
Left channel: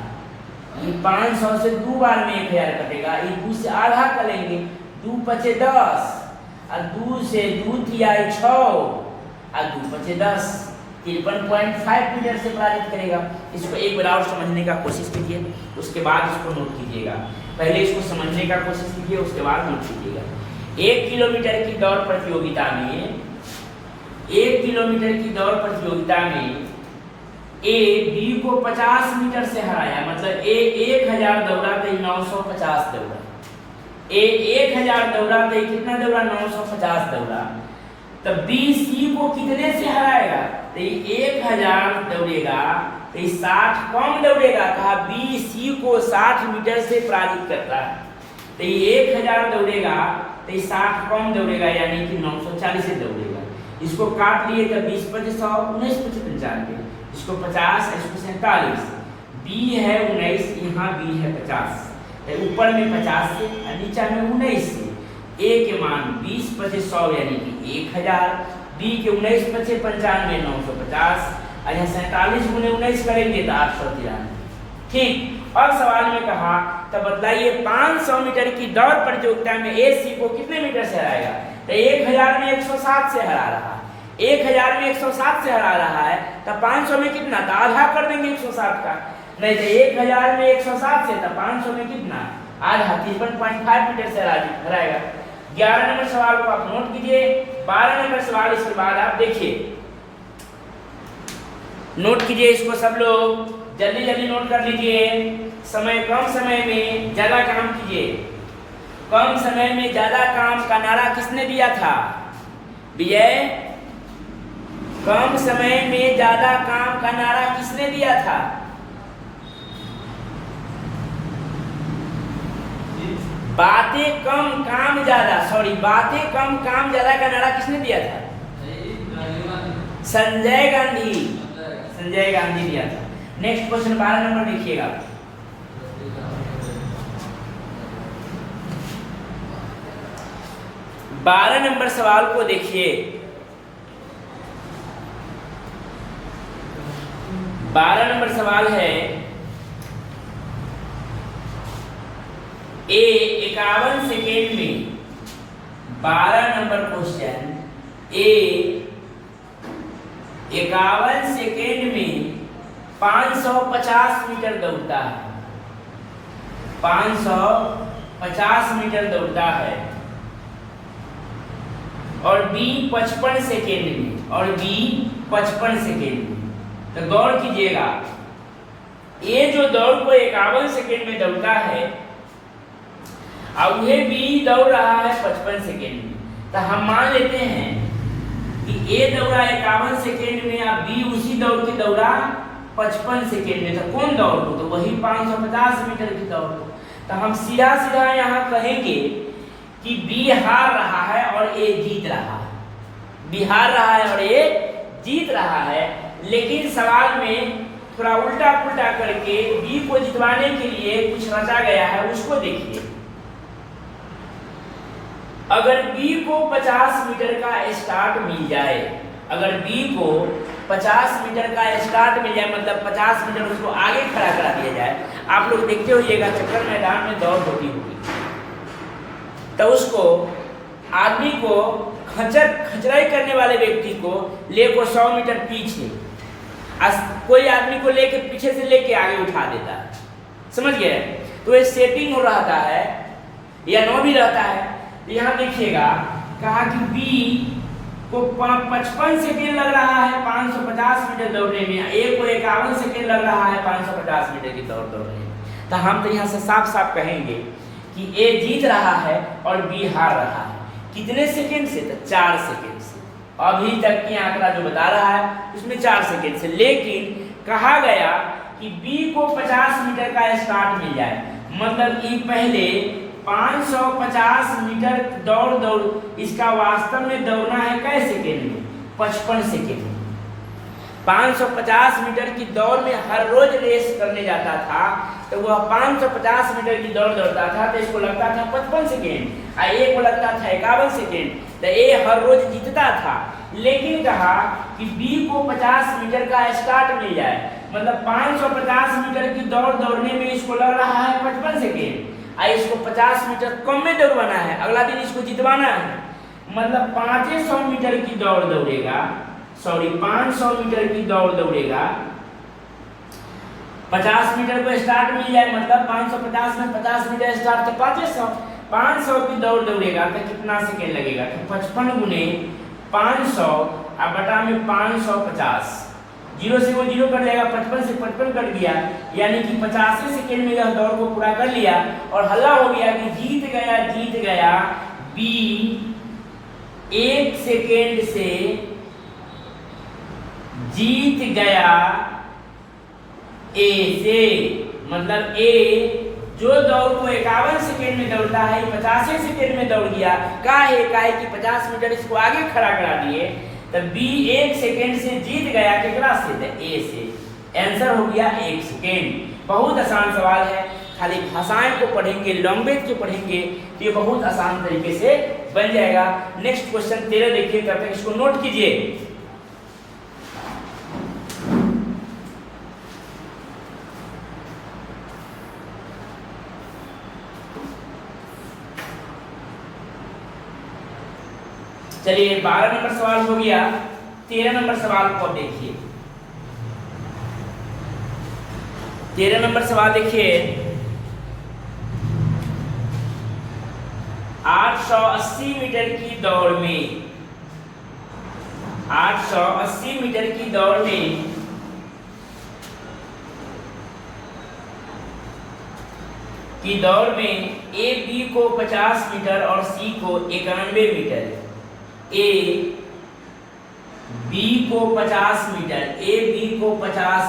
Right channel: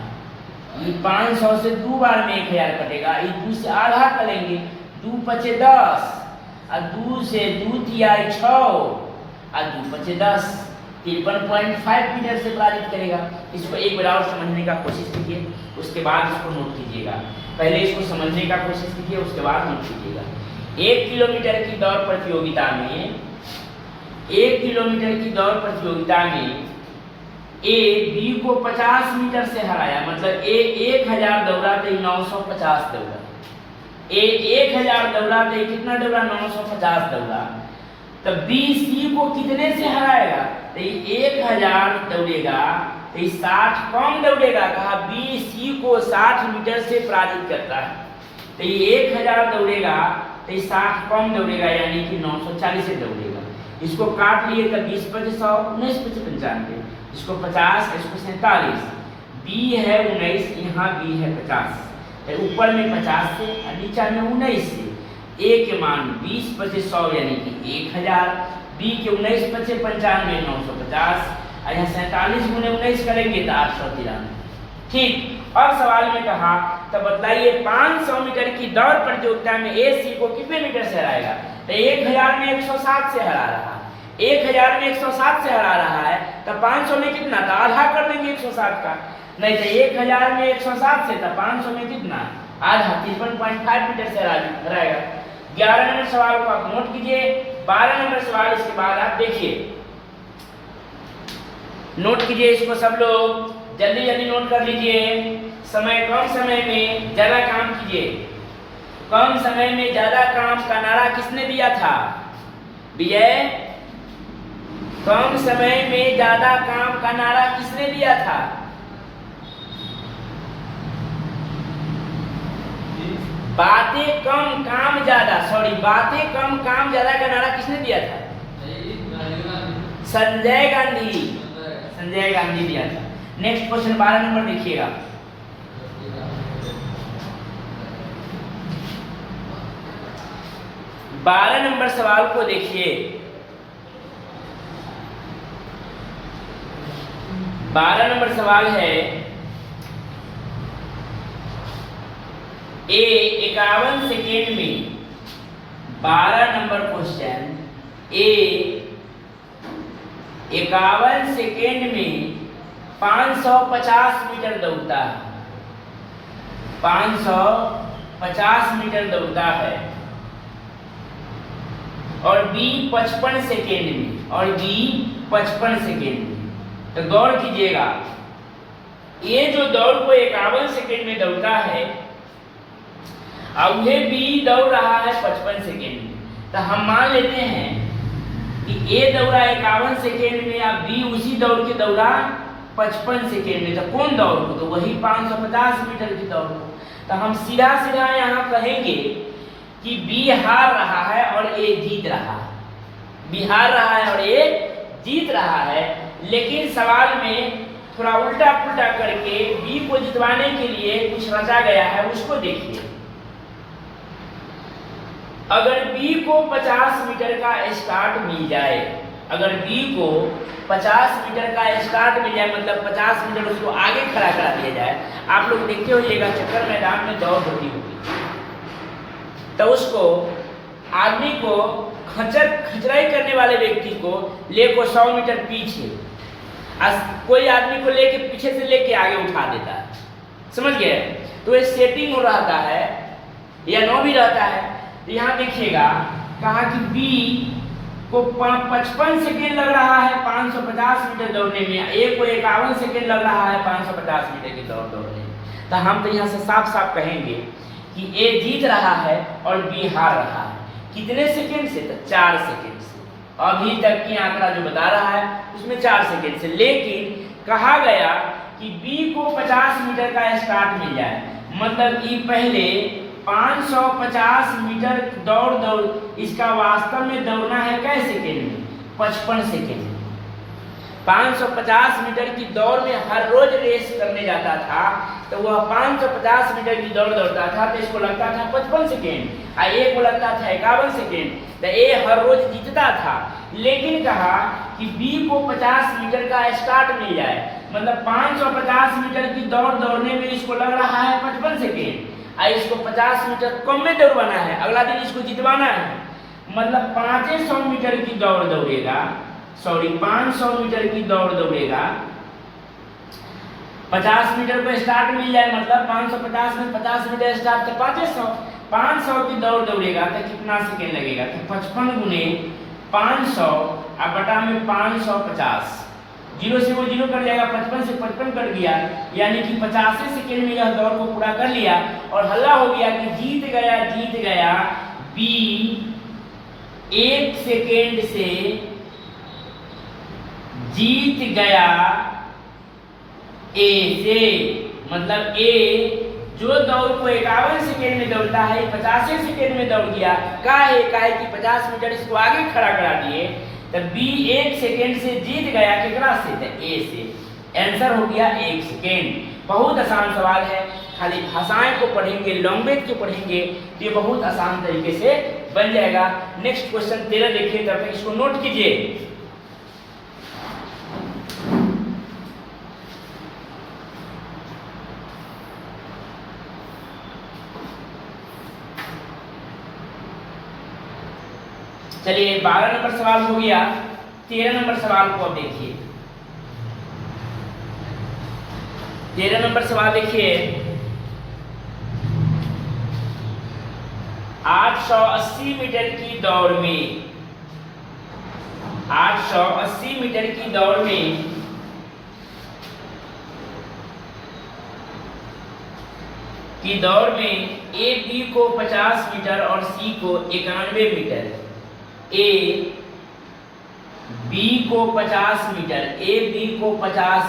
ये 500 से 2 बार में 1000 कटेगा, ये 2 से आधा करेंगे, 2 पचे 10 और 2 से 2 तिया 6 और 2 पचे 10, 53.5 मीटर से पराजित करेगा। इसको एक बार और समझने का कोशिश कीजिए, उसके बाद इसको नोट कीजिएगा। पहले इसको समझने का कोशिश कीजिए, उसके बाद नोट कीजिएगा। 1 किलोमीटर की दौड़ प्रतियोगिता में 1 किलोमीटर की दौड़ प्रतियोगिता में ए बी को 50 मीटर से हराया, मतलब ए 1000 दौड़ा तो 950 दौड़ा। ए 1000 दौड़ा तो कितना दौड़ा? 950 दौड़ा। तो बी सी को कितने से हराएगा? तो 1000 दौड़ेगा तो 60 कम दौड़ेगा। कहा बी सी को 60 मीटर से पराजित करता है। तो 1000 दौड़ेगा तो 60 कम दौड़ेगा, यानी कि 940 से दौड़ेगा। इसको काट लिए तो 20 25 100 19 25 95, इसको 50 इसको 47। बी है 19, यहाँ बी है 50, तो ऊपर में 50 से और नीचे में 19 से। ए के मान 20 25 100 यानी कि 1000, बी के 19 25 95 950, और यहाँ 47 गुने 19 करेंगे तो 893। ठीक। और सवाल में कहा तो बतलाइए 500 मीटर की दौड़ प्रतियोगिता में ए सी को कितने मीटर से हराएगा? तो 1000 में 160 से हरा रहा, 1000 में 160 से हरा रहा है, तो 500 में कितना? तो आधा कर देंगे 160 का। नहीं तो 1000 में 160 से, तो 500 में कितना? आधा, 53.5 मीटर से हराएगा। 11 नंबर सवाल को आप नोट कीजिए। 12 नंबर सवाल इसके बाद आप देखिए, नोट कीजिए इसको सब लोग, जल्दी जल्दी नोट कर लीजिए। समय कम समय में ज्यादा काम कीजिए। कम समय में ज्यादा काम का नारा किसने दिया था? विजय। कम समय में ज्यादा काम का नारा किसने दिया था? बातें कम काम ज्यादा, सॉरी, बातें कम काम ज्यादा का नारा किसने दिया था? संजय गांधी। संजय गांधी दिया था। नेक्स्ट क्वेश्चन 12 नंबर देखिएगा। बारह नंबर सवाल को देखिए। 12 नंबर सवाल है, ए 51 सेकेंड में, 12 नंबर क्वेश्चन, ए 51 सेकेंड में 550 मीटर दौड़ता है, 550 मीटर दौड़ता है। और बी 55 सेकेंड में, और बी 55 सेकेंड में। तो गौर कीजिएगा, ये जो दौड़ को 51 सेकेंड में दौड़ता है और वह बी दौड़ रहा है 55 सेकेंड में, तो हम मान लेते हैं कि ए दौड़ा 51 सेकेंड में और बी उसी दौड़ के दौड़ा 55 सेकेंड में। तो कौन दौड़ को? तो वही 550 मीटर की दौड़ को। तो हम सीधा सीधा यहाँ कहेंगे कि बी हार रहा है और ए जीत रहा है। बी हार रहा है और ए जीत रहा है। लेकिन सवाल में थोड़ा उल्टा पुल्टा करके बी को जितवाने के लिए कुछ रचा गया है, उसको देखिए। अगर बी को 50 मीटर का स्टार्ट मिल जाए, अगर बी को 50 मीटर का स्टार्ट मिल जाए, मतलब 50 मीटर उसको आगे खड़ा करा दिया जाए। आप लोग देखते होइएगा चक्कर मैदान में दौड़ होती होगी, तो उसको आदमी को खचराई करने वाले व्यक्ति को लेको 100 मीटर पीछे, कोई आदमी को लेके पीछे से लेके आगे उठा देता है, समझ गए? तो ये सेटिंग हो रहता है या नो भी रहता है। तो यहाँ देखिएगा, कहा कि बी को 55 सेकेंड लग रहा है 550 मीटर दौड़ने में, ए को 51 सेकेंड लग रहा है 550 मीटर की दौड़ दौड़ने में। तो हम तो यहाँ से साफ साफ कहेंगे कि ए जीत रहा है और बी हार रहा है। कितने सेकेंड से? तो 4 सेकेंड से। अभी तक की आंकड़ा जो बता रहा है उसमें 4 सेकेंड से। लेकिन कहा गया कि बी को 50 मीटर का स्टार्ट मिल जाए, मतलब कि पहले 550 मीटर दौड़ इसका वास्तव में दौड़ना है कै सेकेंड में? 55 सेकेंड। 550 मीटर की दौड़ में हर रोज रेस करने जाता था, तो वह 550 मीटर की दौड़ दौड़ता था, तो इसको लगता था 55 सेकेंड और ए को लगता था 51 सेकेंड। तो ए हर रोज जीतता था। लेकिन कहा कि बी को 50 मीटर का स्टार्ट मिल जाए, मतलब 550 मीटर की दौड़ दौड़ने में इसको लग रहा है 55 सेकेंड और इसको 50 मीटर कम में दौड़वाना है, अगला दिन इसको जितवाना है। मतलब 500 मीटर की दौड़ दौड़ेगा, 500 मीटर की दौड़ दौड़ेगा। 50 मीटर को स्टार्ट मिल जाए, मतलब 550 में 50 मीटर स्टार्ट, तो 500 की दौड़ दौड़ेगा तो कितना सेकेंड लगेगा? तो 55 गुने 500 और बटा में 550, जीरो से वो जीरो कट जाएगा, 55 से 55 कट गया, यानी कि 85 सेकेंड में यह दौड़ को पूरा कर लिया और हल्ला हो गया कि जीत गया बी 1 सेकेंड से जीत गया ए से। मतलब ए जो दौड़ को 51 सेकेंड में दौड़ता है 85 सेकेंड में दौड़ गया, काहे कि 50 मीटर इसको आगे खड़ा करा दिए, तब बी 1 सेकेंड से जीत गया केकरा से, ए से। आंसर हो गया 1 सेकेंड। बहुत आसान सवाल है, खाली भाषाएं को पढ़ेंगे, लैंग्वेज को पढ़ेंगे, ये बहुत आसान तरीके से बन जाएगा। नेक्स्ट क्वेश्चन 13 देखिए, तब तक इसको नोट कीजिए। चलिए 12 नंबर सवाल हो गया, 13 नंबर सवाल को अब देखिए। 13 नंबर सवाल देखिए, 880 मीटर की दौड़ में 880 मीटर की दौड़ में ए बी को 50 मीटर और सी को 91 मीटर, ए बी को 50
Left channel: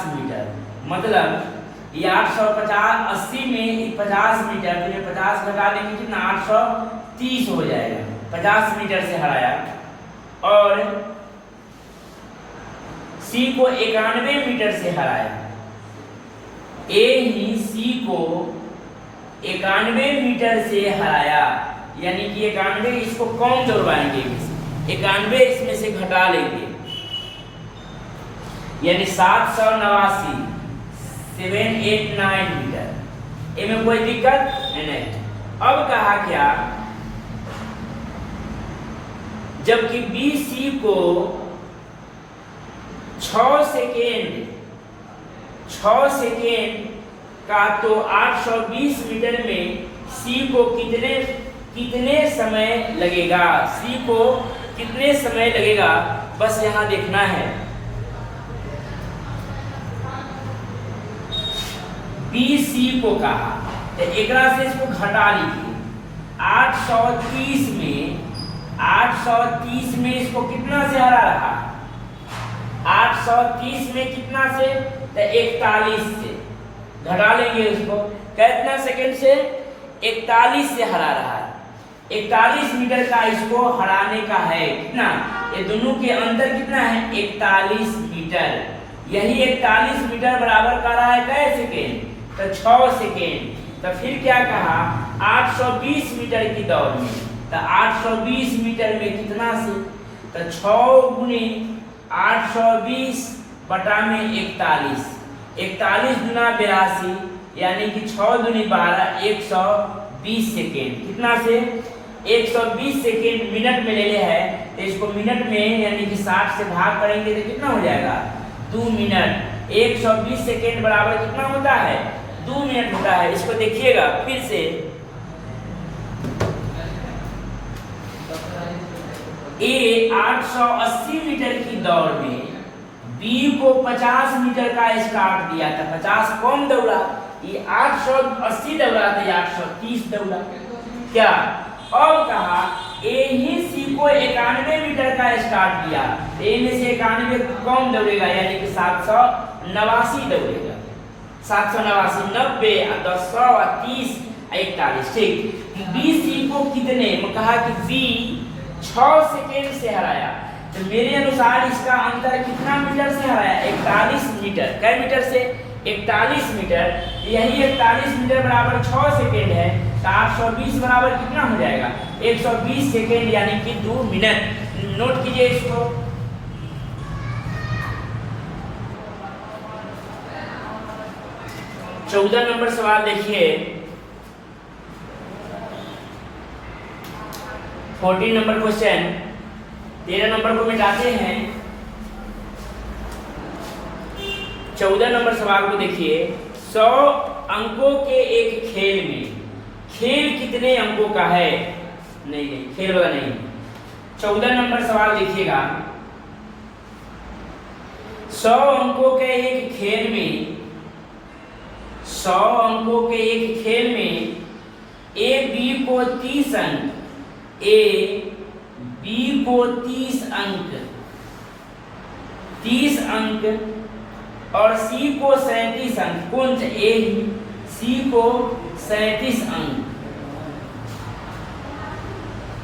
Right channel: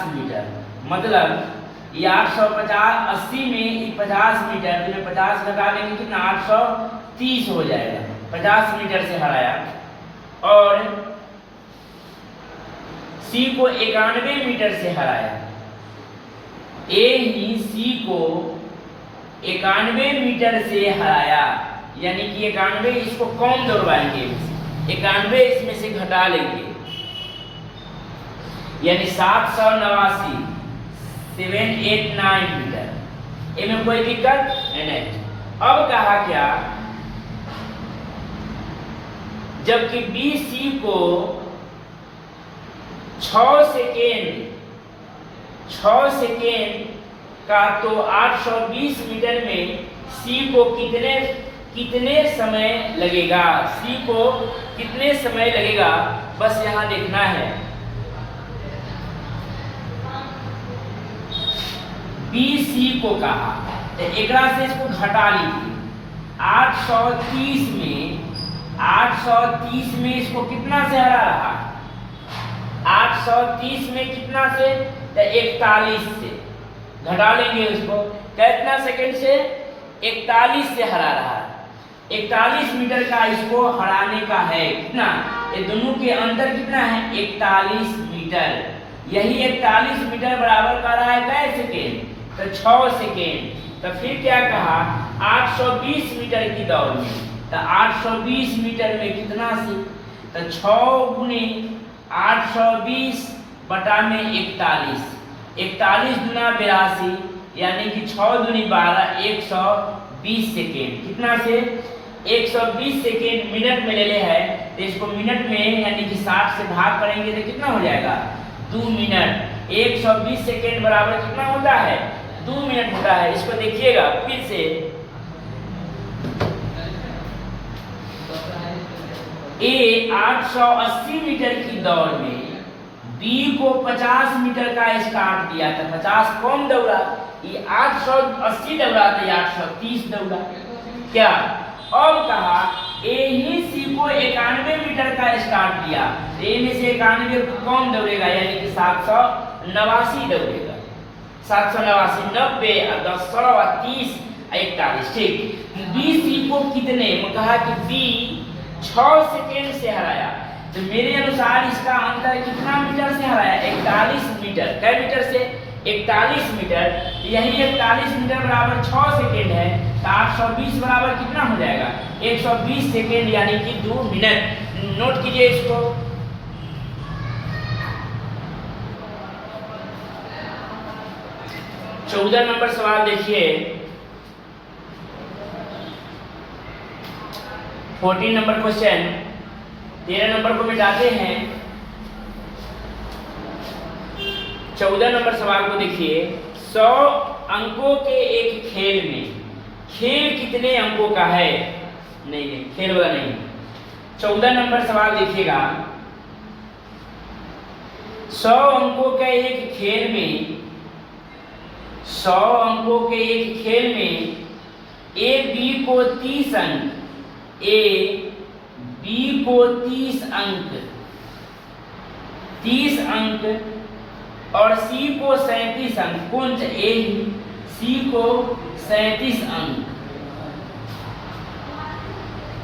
मीटर, मतलब ये 880 में 50 मीटर, तो 50 घटा देंगे कितना, 830 हो जाएगा। 50 मीटर से हराया। और सी को 91 मीटर से हराया। ए ही सी को 91 मीटर से हराया, यानी कि 91 इसको कौन दौड़वाएंगे, 91 इसमें से घटा लेंगे, यानी 789 789 मीटर। इनमें कोई दिक्कत नहीं। अब कहा क्या, जबकि बी सी को 6 सेकेंड का, तो 820 मीटर में सी को कितने समय लगेगा, सी को कितने समय लगेगा, बस यहां देखना है। बी सी को कहा तो एक से इसको घटा लीजिए। 830 में इसको कितना से हरा रहा, 830 में कितना से, तो 41 से घटा लेंगे उसको, कितना सेकेंड से, 41 से हरा रहा है। 41 मीटर का इसको हराने का है, कितना, ये दोनों के अंतर कितना है, 41 मीटर। यही 41 मीटर बराबर कर रहा है कै सेकेंड, तो 6 सेकेंड। तो फिर क्या कहा, 820 मीटर की दौड़ में, तो 820 मीटर में कितना से, तो 6 गुने 820 बटा में 41, 41 गुना 82, यानी कि 6 दूनी 12, 120 सेकेंड। कितना से, 120 सेकेंड मिनट में ले ले है, तो इसको मिनट में यानी कि 60 से भाग करेंगे तो कितना हो जाएगा, 2 मिनट। 120 सेकेंड बराबर कितना होता है, 2 मिनट होता है। इसको देखिएगा फिर से, ए 880 मीटर की दौड़ में बी को 50 मीटर का स्टार्ट दिया था, 50 कौन दौड़ा, ये 880 दौड़ा था, 830 दौड़ा। क्या, अब कहा ए ही सी को 91 मीटर का स्टार्ट दिया, ए में से 91 कौन दौड़ेगा, यानी कि 789 दौड़ेगा। 789, 90 और 10, 100 और 30, 41, ठीक। बी सी को कितने, कहा कि बी 6 सेकेंड से हराया, तो मेरे अनुसार इसका अंतर कितना मीटर से हराया, 41 मीटर। कै मीटर से, 41 मीटर। यही 41 मीटर बराबर 6 सेकेंड है, तो 820 बराबर कितना हो जाएगा, 120 सेकेंड, यानी कि 2 मिनट। नोट कीजिए इसको। चौदह नंबर सवाल देखिए, 14 नंबर क्वेश्चन। 13 नंबर को मिटाते हैं, 14 नंबर सवाल को देखिए। 100 अंकों के एक खेल में, खेल कितने अंकों का है, नहीं खेल वाला नहीं। 14 नंबर सवाल देखिएगा। 100 अंकों के एक खेल में 100 अंकों के एक खेल में ए बी को 30 अंक, ए बी को 30 अंक और सी को 37 अंक, कौन सा ए सी को 37 अंक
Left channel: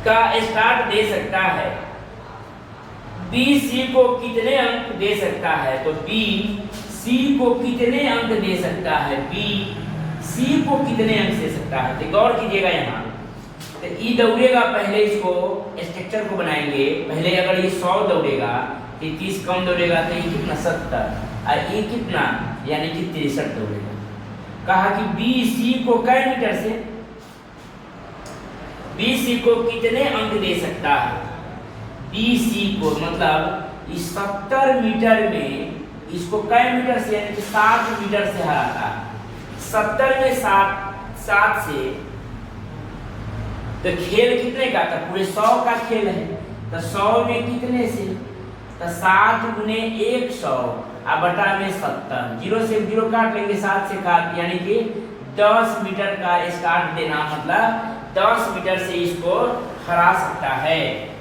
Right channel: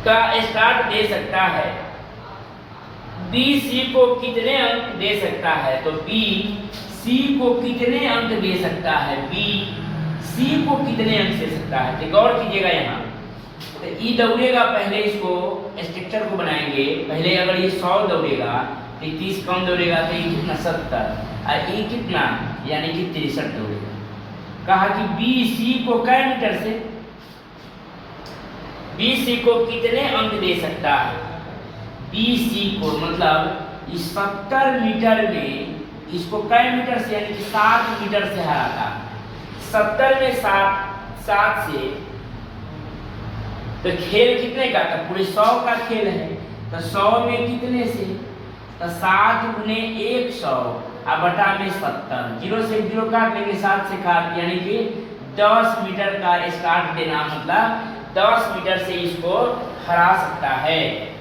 का स्टार्ट दे सकता है, बी सी को कितने अंक दे सकता है? तो बी सी को कितने अंक दे सकता है? बी सी को कितने अंक दे सकता है? तो गौर कीजिएगा यहाँ, तो ई दौड़ेगा, पहले इसको स्ट्रक्चर को बनाएंगे। पहले अगर ये 100 दौड़ेगा तो 30 कम दौड़ेगा तो ये कितना 70 और ये कितना यानी कि 63 दौड़ेगा। कहा कि बी सी को कै मीटर से, बी सी को कितने अंक दे सकता है? बी सी को मतलब इस 70 मीटर में इसको कै मीटर से यानी कि 60 मीटर से हराता है। 70 में 7 से तो खेल कितने का था? पूरे 100 का खेल है, तो 100 में कितने से? तो 7 गुने 100 और बटा में 70, 0 से 0 काट लेंगे, 7 से काट, यानी कि 10 मीटर का स्टार्ट देना, मतलब 10 मीटर से इसको हरा सकता है।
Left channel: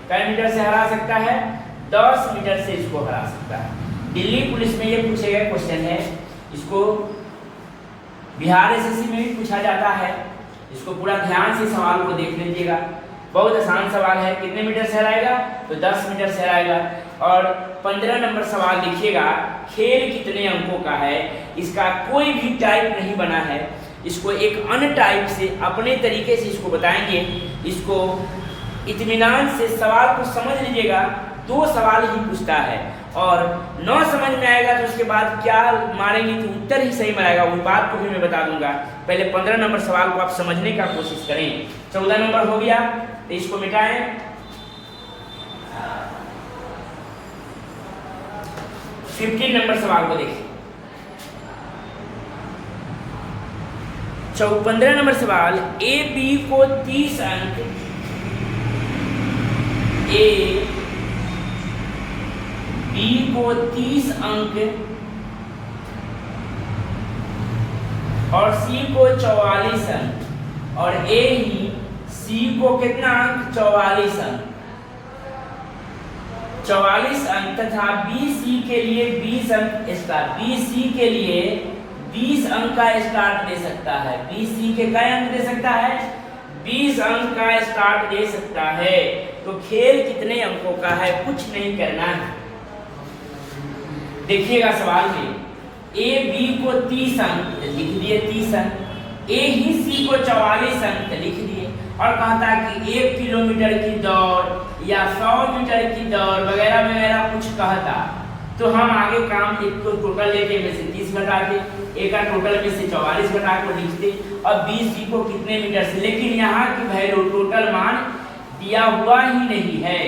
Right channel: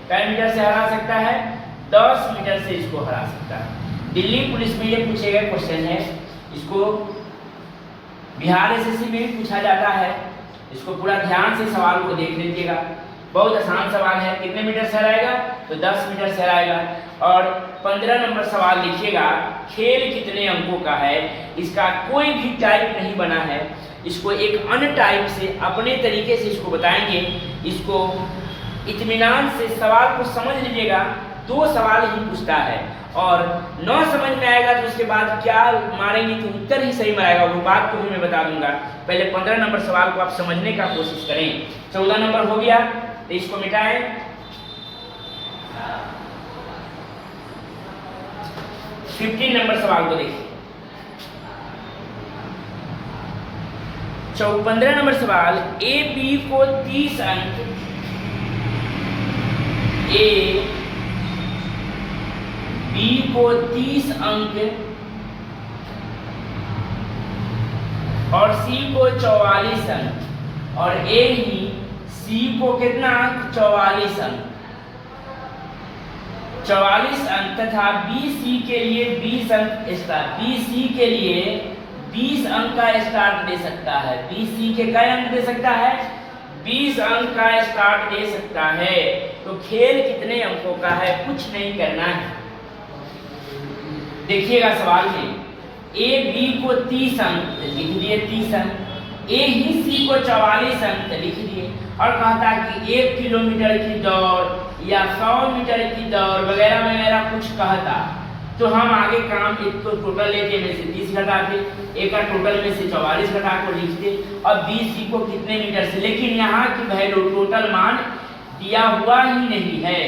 कै मीटर से हरा सकता है? 10 मीटर से इसको हरा सकता है। दिल्ली पुलिस में ये पूछे गए क्वेश्चन है, इसको बिहार एसएससी में भी पूछा जाता है। इसको पूरा ध्यान से सवाल को देख लीजिएगा, बहुत आसान सवाल है। कितने मीटर से हराएगा? तो 10 मीटर से हराएगा। और 15 नंबर सवाल लिखिएगा, खेल कितने अंकों का है? इसका कोई भी टाइप नहीं बना है, इसको एक अन्य टाइप से अपने तरीके से इसको बताएंगे। इसको इत्मीनान से सवाल को समझ लीजिएगा, 2 सवाल ही पूछता है और 9 समझ में आएगा तो उसके बाद क्या मारेंगे तो उत्तर ही सही मारेगा, वो बात को भी मैं बता दूंगा। पहले 15 नंबर सवाल को आप समझने का कोशिश करें। 14 नंबर हो गया तो इसको मिटाएं। 15 नंबर सवाल को देखिए। 15 नंबर सवाल, ए बी को 30 अंक, ए बी को 30 अंक और सी को 44 अंक और ए ही सी को कितना अंक? 44 अंक, 44 अंक तथा बी सी के लिए 20 अंक स्टार्ट, बी सी के लिए 20 अंक का स्टार्ट दे सकता है। बी सी के कई अंक दे सकता है? 20 अंक का स्टार्ट दे सकता है। तो खेल कितने अंकों का है? कुछ नहीं करना है। देखिएगा सवाल में, ए बी को 30 अंक लिख दिए, 30 अंक, ए ही सी को 44 अंक लिख दिए और कहता कि 1 किलोमीटर की दौड़ या 100 मीटर की दौड़ वगैरह वगैरह कुछ कहता, तो हम आगे काम एक तो टोटल लेते में से 30 घटाते, एक का टोटल में से 44 घटा कर लिखते और 20 सी को कितने मीटर से। लेकिन यहाँ की वैल्यू टोटल मान दिया हुआ ही नहीं है,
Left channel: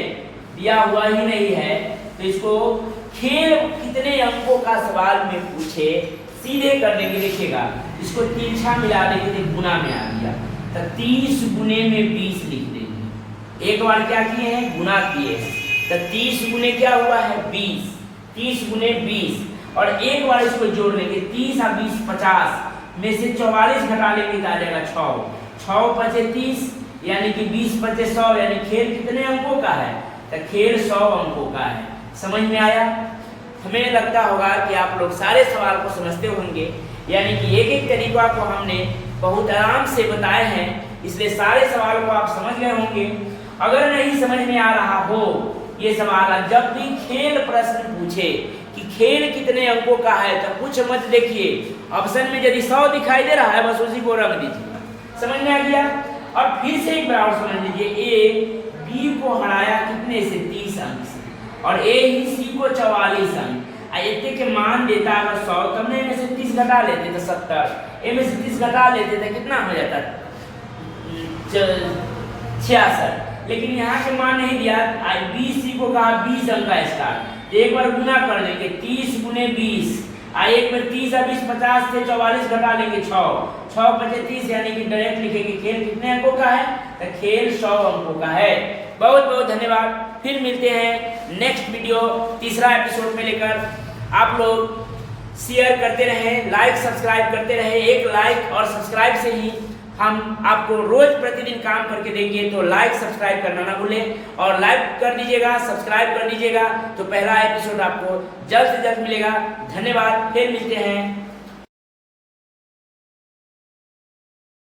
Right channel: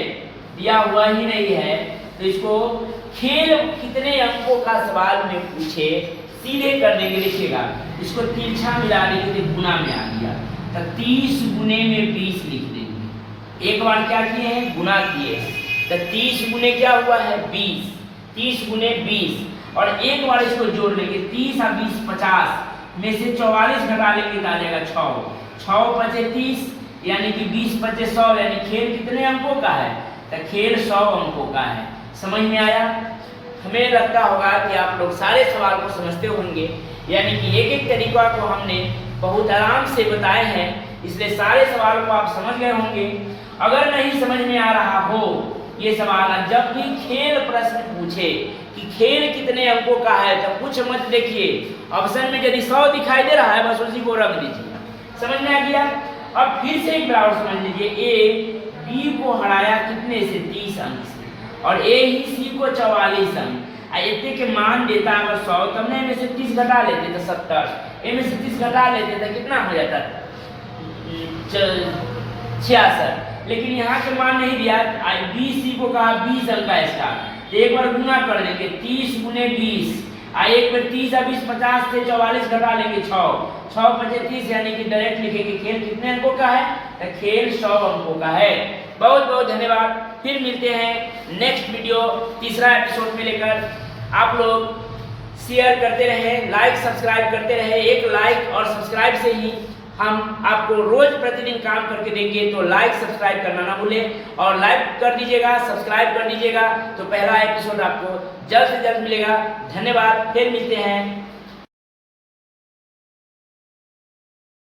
दिया हुआ ही नहीं है, तो इसको खेल कितने अंकों का सवाल में पूछे सीधे कर देंगे। लिखिएगा, इसको तिरछा मिला देंगे, गुना में आ गया तो 30 गुने में 20 लिख देंगे। एक बार क्या किए हैं? गुना किए हैं, तो 30 गुने क्या हुआ है? 20, 30 गुने 20 और एक बार इसको जोड़ लेंगे, 30 और 20 50 में से 44 घटा लेंगे तो आ जाएगा 6, 6 पचे 30 यानी कि 20 पचे 100, यानी खेल कितने अंकों का है? तो खेल 100 अंकों का है। समझ में आया? हमें लगता होगा कि आप लोग सारे सवाल को समझते होंगे, यानी कि एक एक तरीका को हमने बहुत आराम से बताए हैं, इसलिए सारे सवाल को आप समझ गए होंगे। अगर नहीं समझ में आ रहा हो ये सवाल, जब भी खेल प्रश्न पूछे कि खेल कितने अंकों का है तो कुछ मत देखिए, ऑप्शन में यदि 100 दिखाई दे रहा है बस उसी को रख दीजिए। समझ में आ गया? और फिर से एक बार समझ लीजिए, ए बी को हराया कितने से? 30 अंक से और ए ही सी को 44 अंक, इतने के मान देता है अगर 100 तो हमने में से 30 घटा लेते तो 70, ए में से 30 घटा लेते तो कितना हो जाता? 66। लेकिन यहाँ के मान नहीं दिया, बी सी को कहा 20 अंक का स्टार्ट, तो एक बार गुना कर लेंगे, 30 गुने 20 एक बार 30 और 20 50 से 44 घटा लेंगे, 6 पचे 30 यानी कि डायरेक्ट लिखेंगे खेल कितने अंकों का है? तो खेल 100 अंकों का है। बहुत बहुत धन्यवाद, फिर मिलते हैं नेक्स्ट वीडियो तीसरा एपिसोड में लेकर। आप लोग शेयर करते रहें, लाइक सब्सक्राइब करते रहें। एक लाइक और सब्सक्राइब से ही हम आपको रोज प्रतिदिन काम करके देंगे, तो लाइक सब्सक्राइब करना ना भूलें और लाइक कर दीजिएगा, सब्सक्राइब कर दीजिएगा, तो पहला एपिसोड आपको जल्द से जल्द मिलेगा। धन्यवाद, फिर मिलते हैं।